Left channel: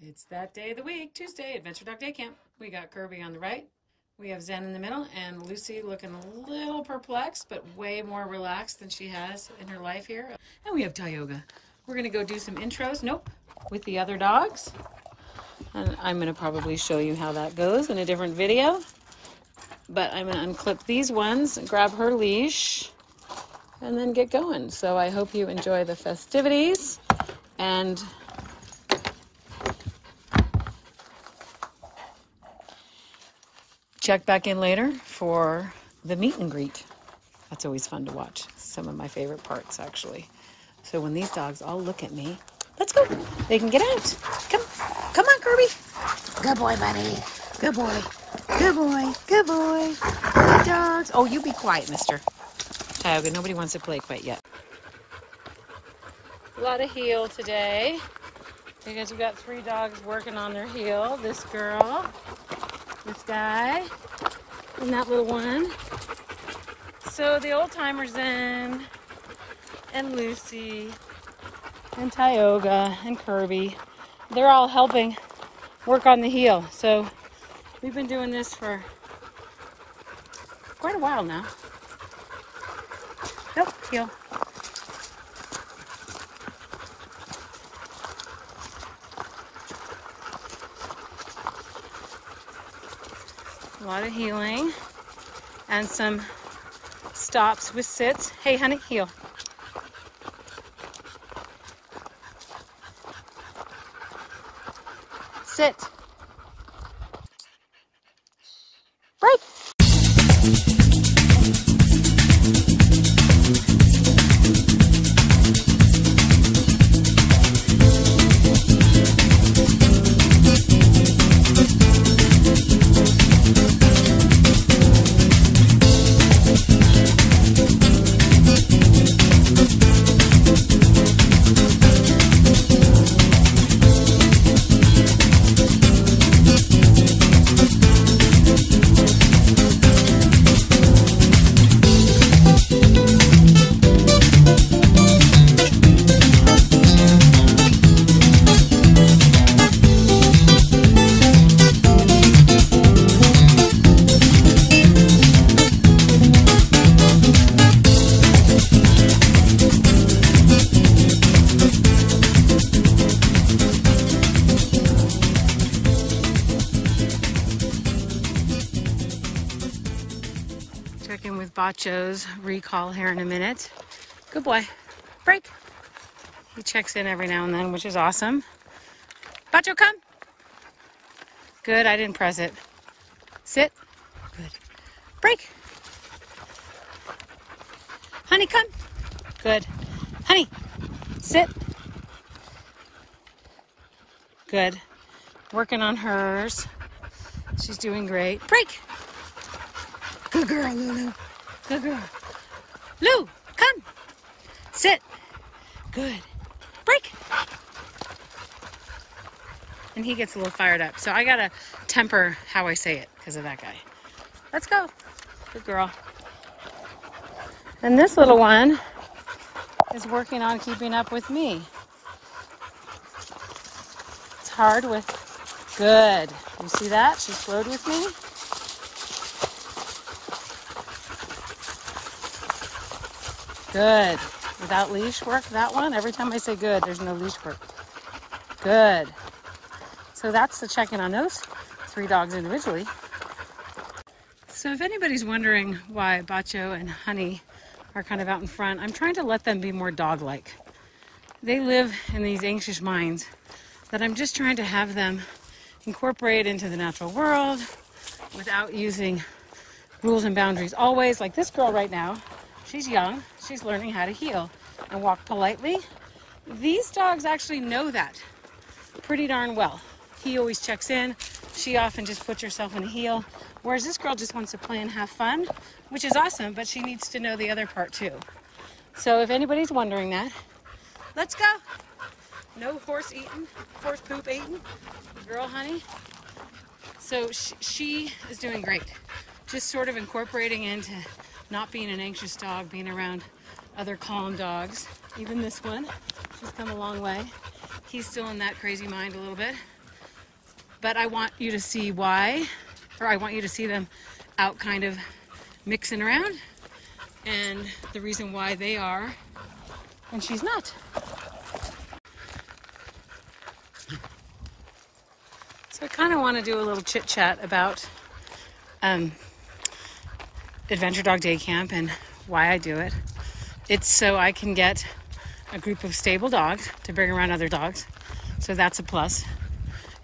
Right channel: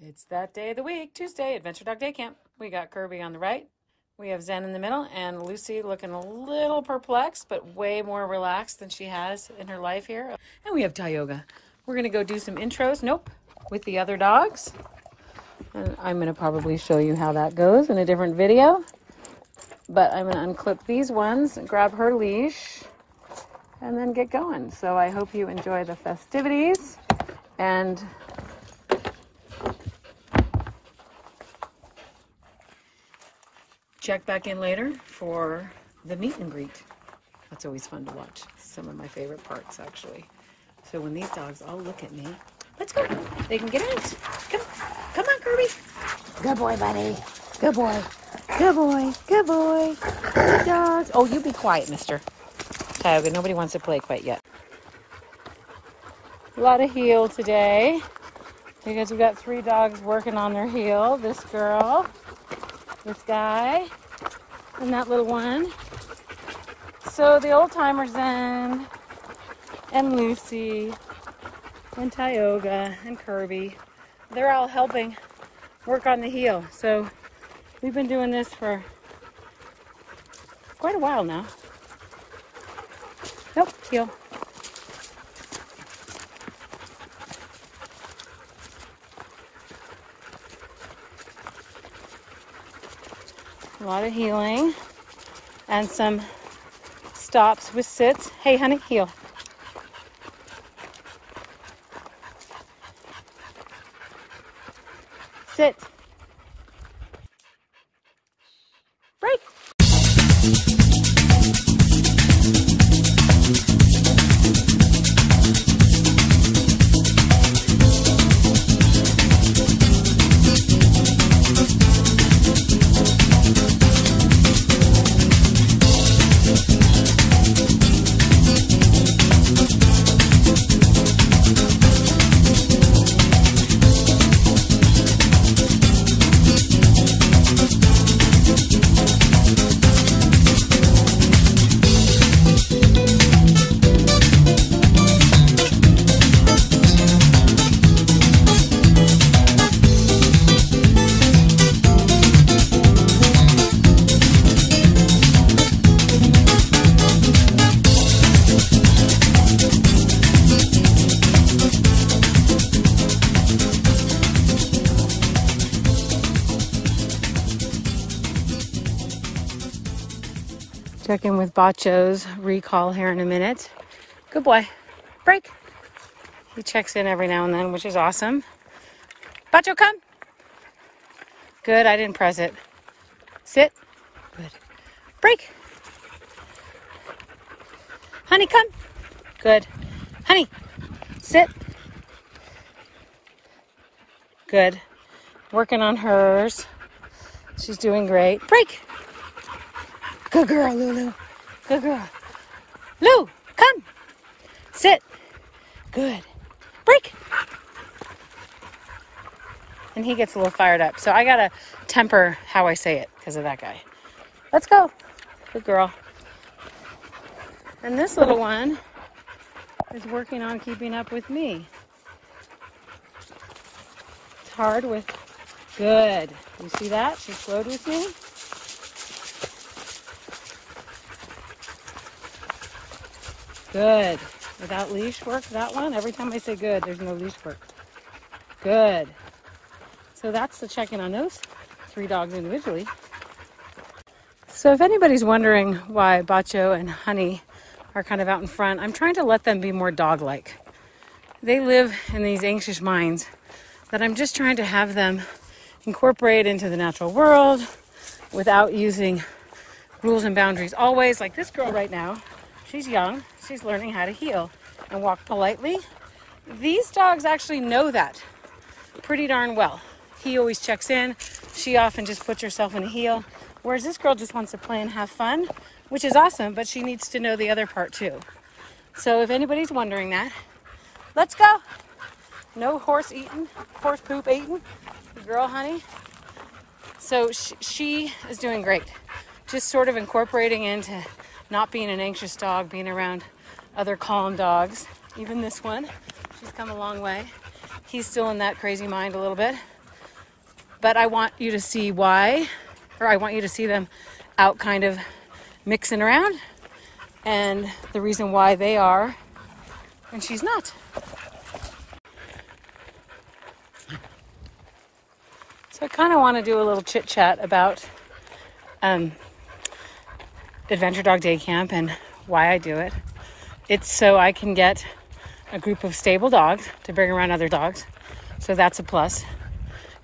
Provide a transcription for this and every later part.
It's that day of the week, Tuesday, Adventure Dog Day Camp. We got Kirby on the right, we have Zen in the middle, and Lucy looking a little perplexed, but way more relaxed than she has in her life here. And we have Tioga. We're gonna go do some intros, with the other dogs. And I'm gonna probably show you how that goes in a different video. But I'm gonna unclip these ones, grab her leash, and then get going. So I hope you enjoy the festivities and check back in later for the meet and greet. That's always fun to watch. Some of my favorite parts, actually. So when these dogs all look at me, let's go. They can get out. Come on, Kirby. Good boy, buddy. Good boy. Good boy. Good boy. Good dogs. Oh, you be quiet, mister. Tioga, nobody wants to play quite yet. A lot of heel today because we've got 3 dogs working on their heel. This girl, this guy, and that little one. So the old timers Zen and Lucy and Tioga and Kirby, they're all helping work on the heel. So we've been doing this for quite a while now. Nope, heel. A lot of healing and some stops with sits. Hey, honey, heel. Sit. Break. Check in with Bacho's recall here in a minute. Good boy. Break. He checks in every now and then, which is awesome. Bacho, come. Good, I didn't press it. Sit. Good. Break. Honey, come. Good. Honey, sit. Good. Working on hers. She's doing great. Break. Good girl, Lulu. Good girl. Lou, come. Sit. Good. Break. And he gets a little fired up. So I got to temper how I say it because of that guy. Let's go. Good girl. And this little one is working on keeping up with me. It's hard with... Good. You see that? She flowed with me. Good. Without leash work, that one, every time I say good, there's no leash work. Good. So that's the check-in on those 3 dogs individually. So if anybody's wondering why Bacho and Honey are kind of out in front, I'm trying to let them be more dog-like. They live in these anxious minds that I'm just trying to have them incorporate into the natural world without using rules and boundaries always. Like this girl right now, she's young. She's learning how to heel and walk politely. These dogs actually know that pretty darn well. He always checks in. She often just puts herself in a heel. Whereas this girl just wants to play and have fun, which is awesome, but she needs to know the other part too. So if anybody's wondering that, let's go. No horse poop eating. The girl, Honey. So she is doing great. Just sort of incorporating into not being an anxious dog, being around other calm dogs. Even this one has come a long way. He's still in that crazy mind a little bit. but I want you to see why, or I want you to see them out kind of mixing around, and the reason why they are and she's not. So I kind of want to do a little chit chat about Adventure Dog Day Camp and why I do it. It's so I can get a group of stable dogs to bring around other dogs. So that's a plus.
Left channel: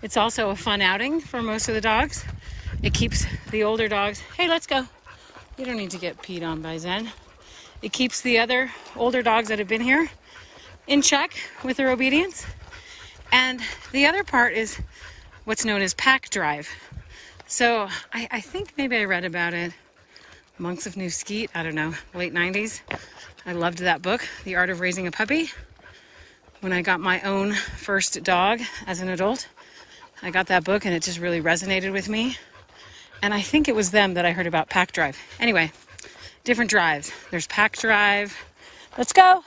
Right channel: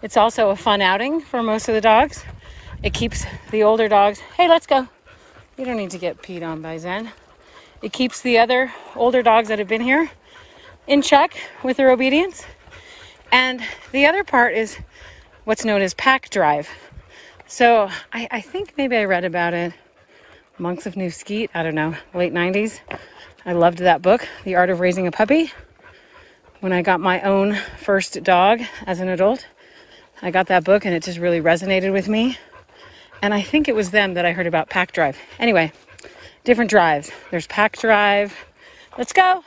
It's also a fun outing for most of the dogs. It keeps the older dogs, hey, let's go. You don't need to get peed on by Zen. It keeps the other older dogs that have been here in check with their obedience. And the other part is what's known as pack drive. So I think maybe I read about it, Monks of New Skeet, I don't know, late 90s. I loved that book, The Art of Raising a Puppy. When I got my own first dog as an adult, I got that book and it just really resonated with me. And I think it was them that I heard about pack drive. Anyway, different drives. There's pack drive, let's go.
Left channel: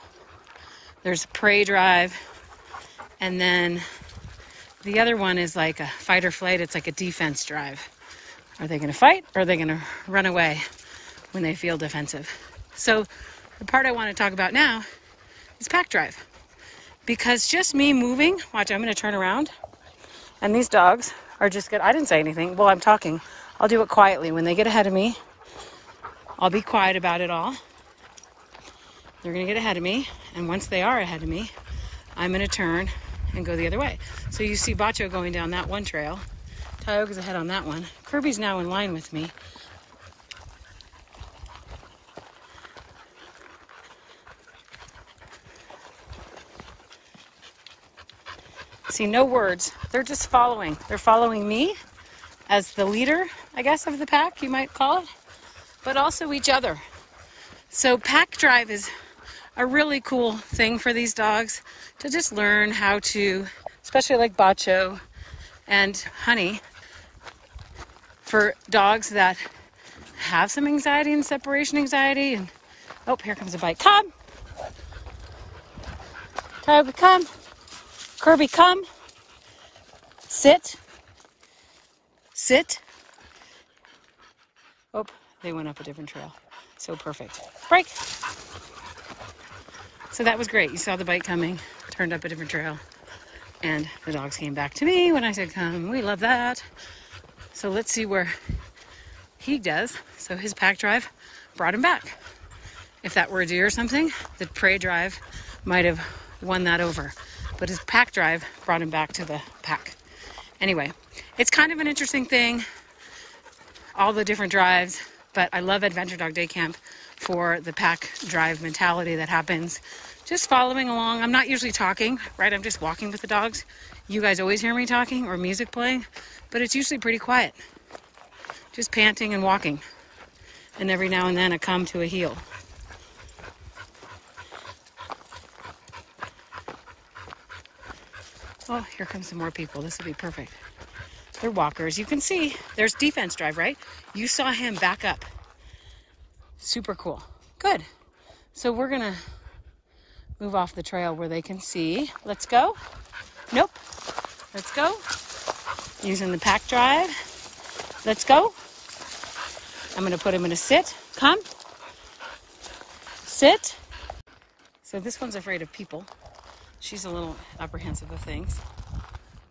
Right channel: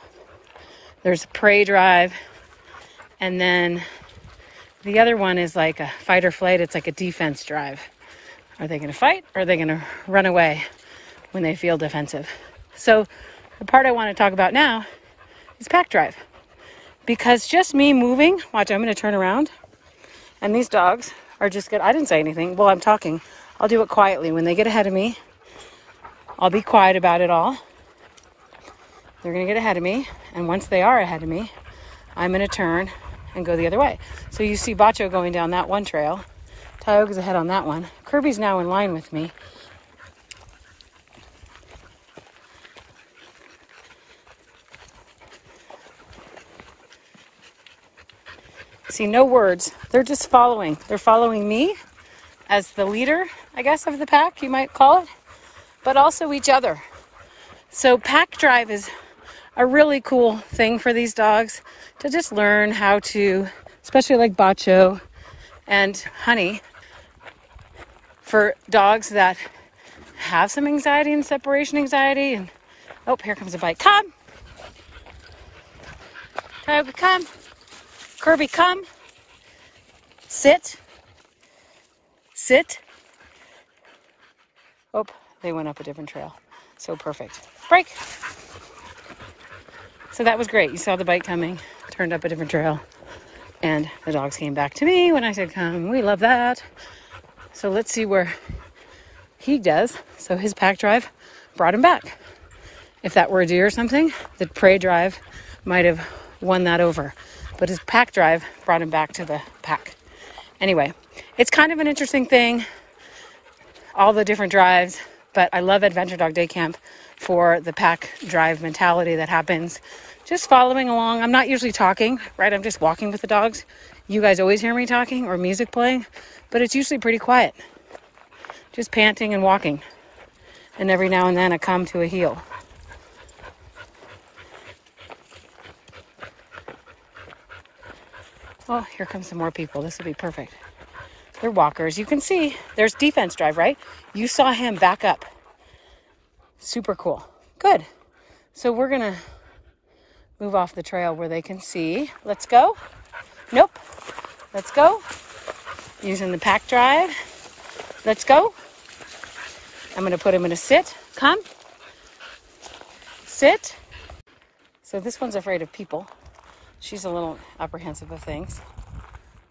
There's prey drive. And then the other one is like a fight or flight. It's like a defense drive. Are they going to fight or are they going to run away when they feel defensive? So the part I want to talk about now is pack drive. Because just me moving, watch, I'm going to turn around. And these dogs are just good. I didn't say anything. Well, I'm talking. I'll do it quietly. When they get ahead of me, I'll be quiet about it all. They're going to get ahead of me. And once they are ahead of me, I'm going to turn and go the other way. So you see Bacho going down that one trail. Tioga's ahead on that one. Kirby's now in line with me. See, no words. They're just following. They're following me as the leader, I guess, of the pack, you might call it, but also each other. So pack drive is a really cool thing for these dogs to just learn how to, especially like Bacho and Honey, for dogs that have some anxiety and separation anxiety. And oh, here comes a bite. Come. Tioga, come. Kirby, come. Sit. Sit. Oh, they went up a different trail. So perfect. Break. So that was great. You saw the bite coming, turned up a different trail, and the dogs came back to me when I said come. We love that. So let's see where he does. So his pack drive brought him back. If that were a deer or something, the prey drive might have won that over. But his pack drive brought him back to the pack. Anyway, it's kind of an interesting thing, all the different drives, but I love Adventure Dog Day Camp for the pack drive mentality that happens. Just following along. I'm not usually talking, right? I'm just walking with the dogs. You guys always hear me talking or music playing, but it's usually pretty quiet. Just panting and walking. And every now and then I come to a heel. Oh, here comes some more people. This will be perfect. They're walkers. You can see there's defense drive, right? You saw him back up. Super cool. Good. So we're going to move off the trail where they can see. Let's go. Nope. Let's go. Using the pack drive. Let's go. I'm going to put him in a sit. Come. Sit. So this one's afraid of people. She's a little apprehensive of things.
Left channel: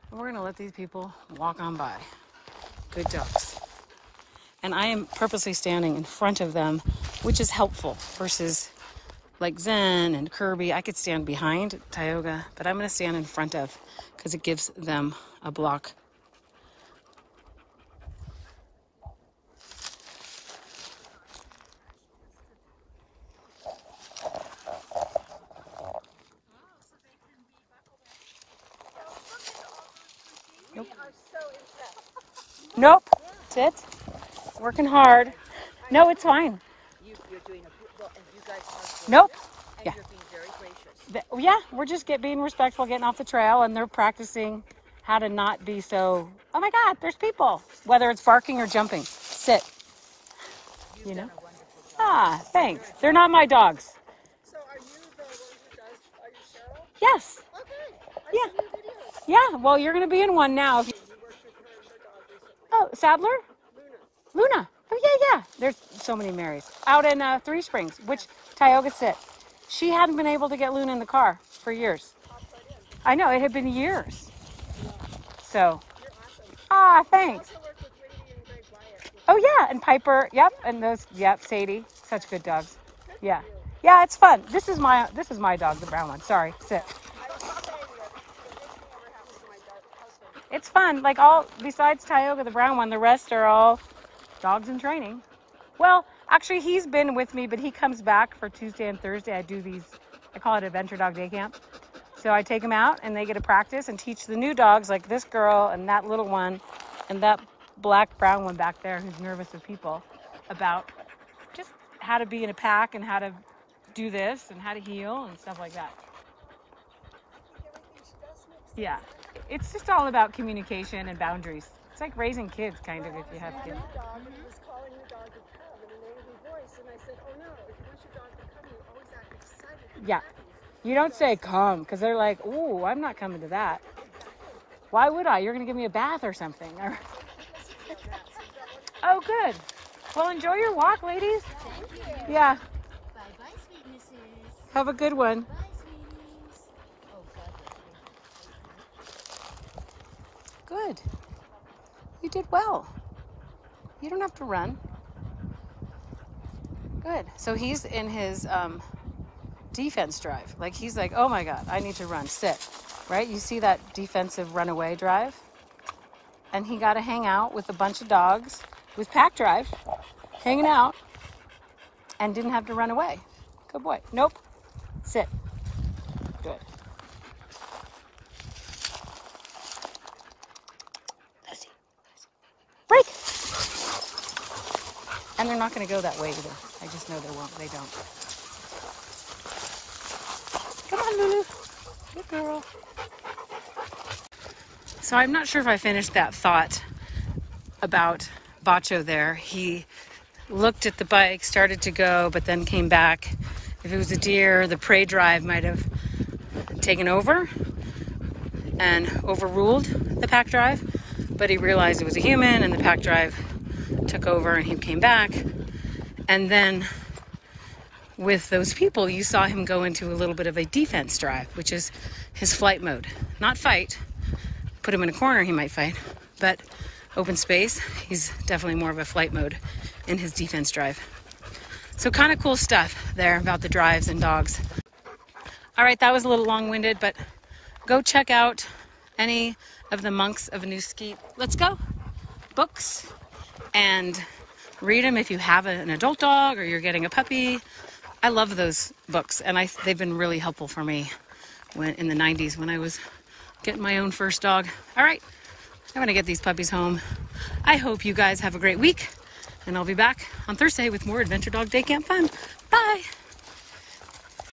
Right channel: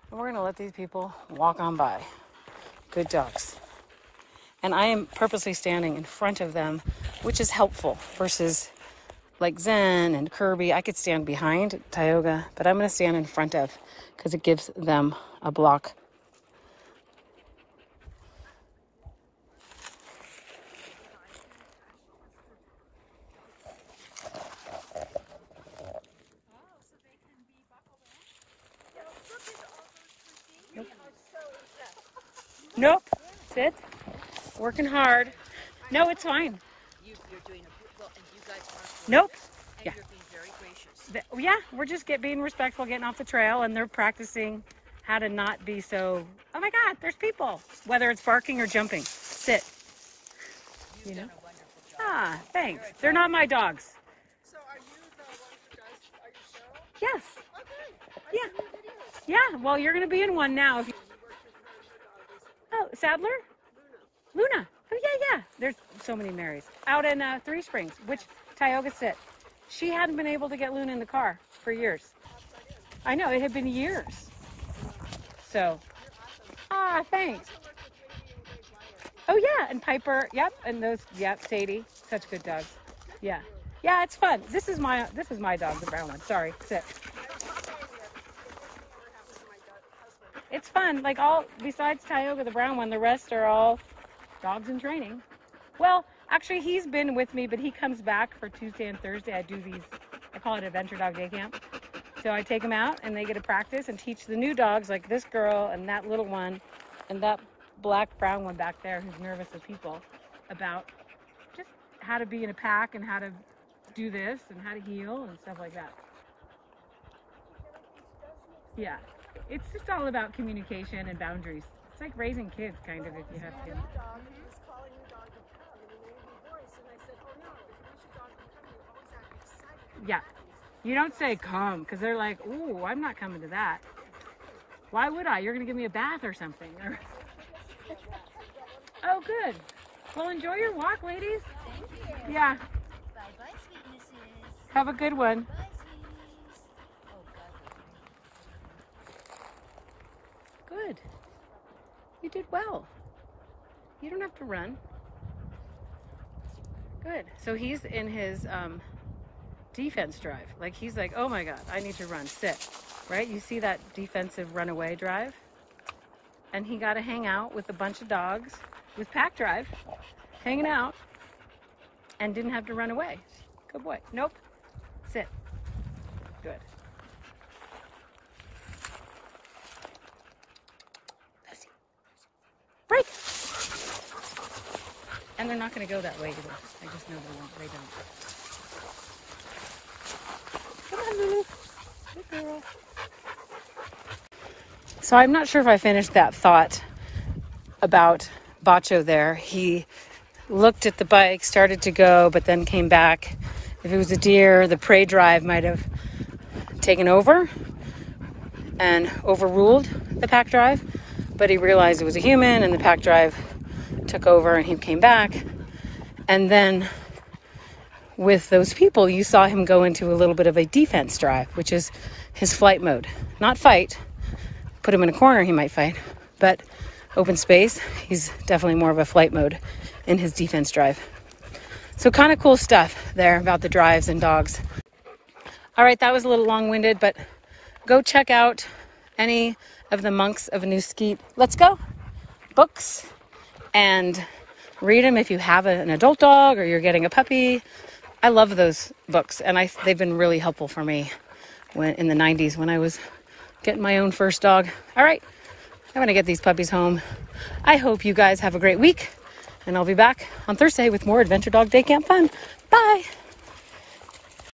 And we're going to let these people walk on by. Good dogs. And I am purposely standing in front of them, which is helpful versus like Zen and Kirby. I could stand behind Tioga, but I'm going to stand in front of because it gives them a block. Nope. Sit. Working hard. No, it's fine. Nope. Yeah. Yeah, we're just being respectful, getting off the trail, and they're practicing how to not be so, oh my God, there's people. Whether it's barking or jumping. Sit. You know? Ah, thanks. They're not my dogs. So are you the one who does, are you Cheryl? Yes. Okay. Yeah. Yeah, well, you're going to be in one now. Oh, Sadler? Luna. Oh, yeah. There's so many Marys. Out in Three Springs, which Tioga sit. She hadn't been able to get Luna in the car for years. I know, it had been years. So, thanks. Oh, yeah, and Piper, yep, and those, yep, Sadie. Such good dogs. Yeah. Yeah, it's fun. This is my dog, the brown one. Sorry, sit. It's fun. Like besides Tioga, the brown one, the rest are all dogs in training. Well, actually, he's been with me, but he comes back for Tuesday and Thursday. I do these, I call it Adventure Dog Day Camp. So I take them out and they get to practice and teach the new dogs, like this girl and that little one and that black brown one back there who's nervous with people, about just how to be in a pack and how to do this and how to heel and stuff like that. Yeah. It's just all about communication and boundaries. It's like raising kids, kind of, if you have kids. Yeah. You don't say come, because they're like, ooh, I'm not coming to that. Why would I? You're going to give me a bath or something. Oh, good. Well, enjoy your walk, ladies. Thank you. Yeah. Bye-bye, sweetnesses. Have a good one. Bye, sweeties. Oh, God. Good. You did well. You don't have to run. Good. So he's in his defense drive. Like, he's like, oh my God, I need to run. Sit. Right? You see that defensive runaway drive? And he got to hang out with a bunch of dogs with pack drive, hanging out, and didn't have to run away. Good boy. Nope. Sit. Good. Break. And they're not going to go that way either. I just know they won't. They don't. Come on, Lulu. Good girl. So I'm not sure if I finished that thought about Bacho there. He looked at the bike, started to go, but then came back. If it was a deer, the prey drive might have taken over and overruled the pack drive. But he realized it was a human and the pack drive took over and he came back. And then with those people, you saw him go into a little bit of a defense drive, which is his flight mode. Not fight. Put him in a corner, he might fight. But open space, he's definitely more of a flight mode in his defense drive. So kind of cool stuff there about the drives and dogs. All right, that was a little long-winded, but go check out any of the Monks of New Skeet Let's Go books and read them if you have an adult dog or you're getting a puppy. I love those books, and they've been really helpful for me in the 90s when I was getting my own first dog. All right, I'm going to get these puppies home. I hope you guys have a great week, and I'll be back on Thursday with more Adventure Dog Day Camp fun. Bye.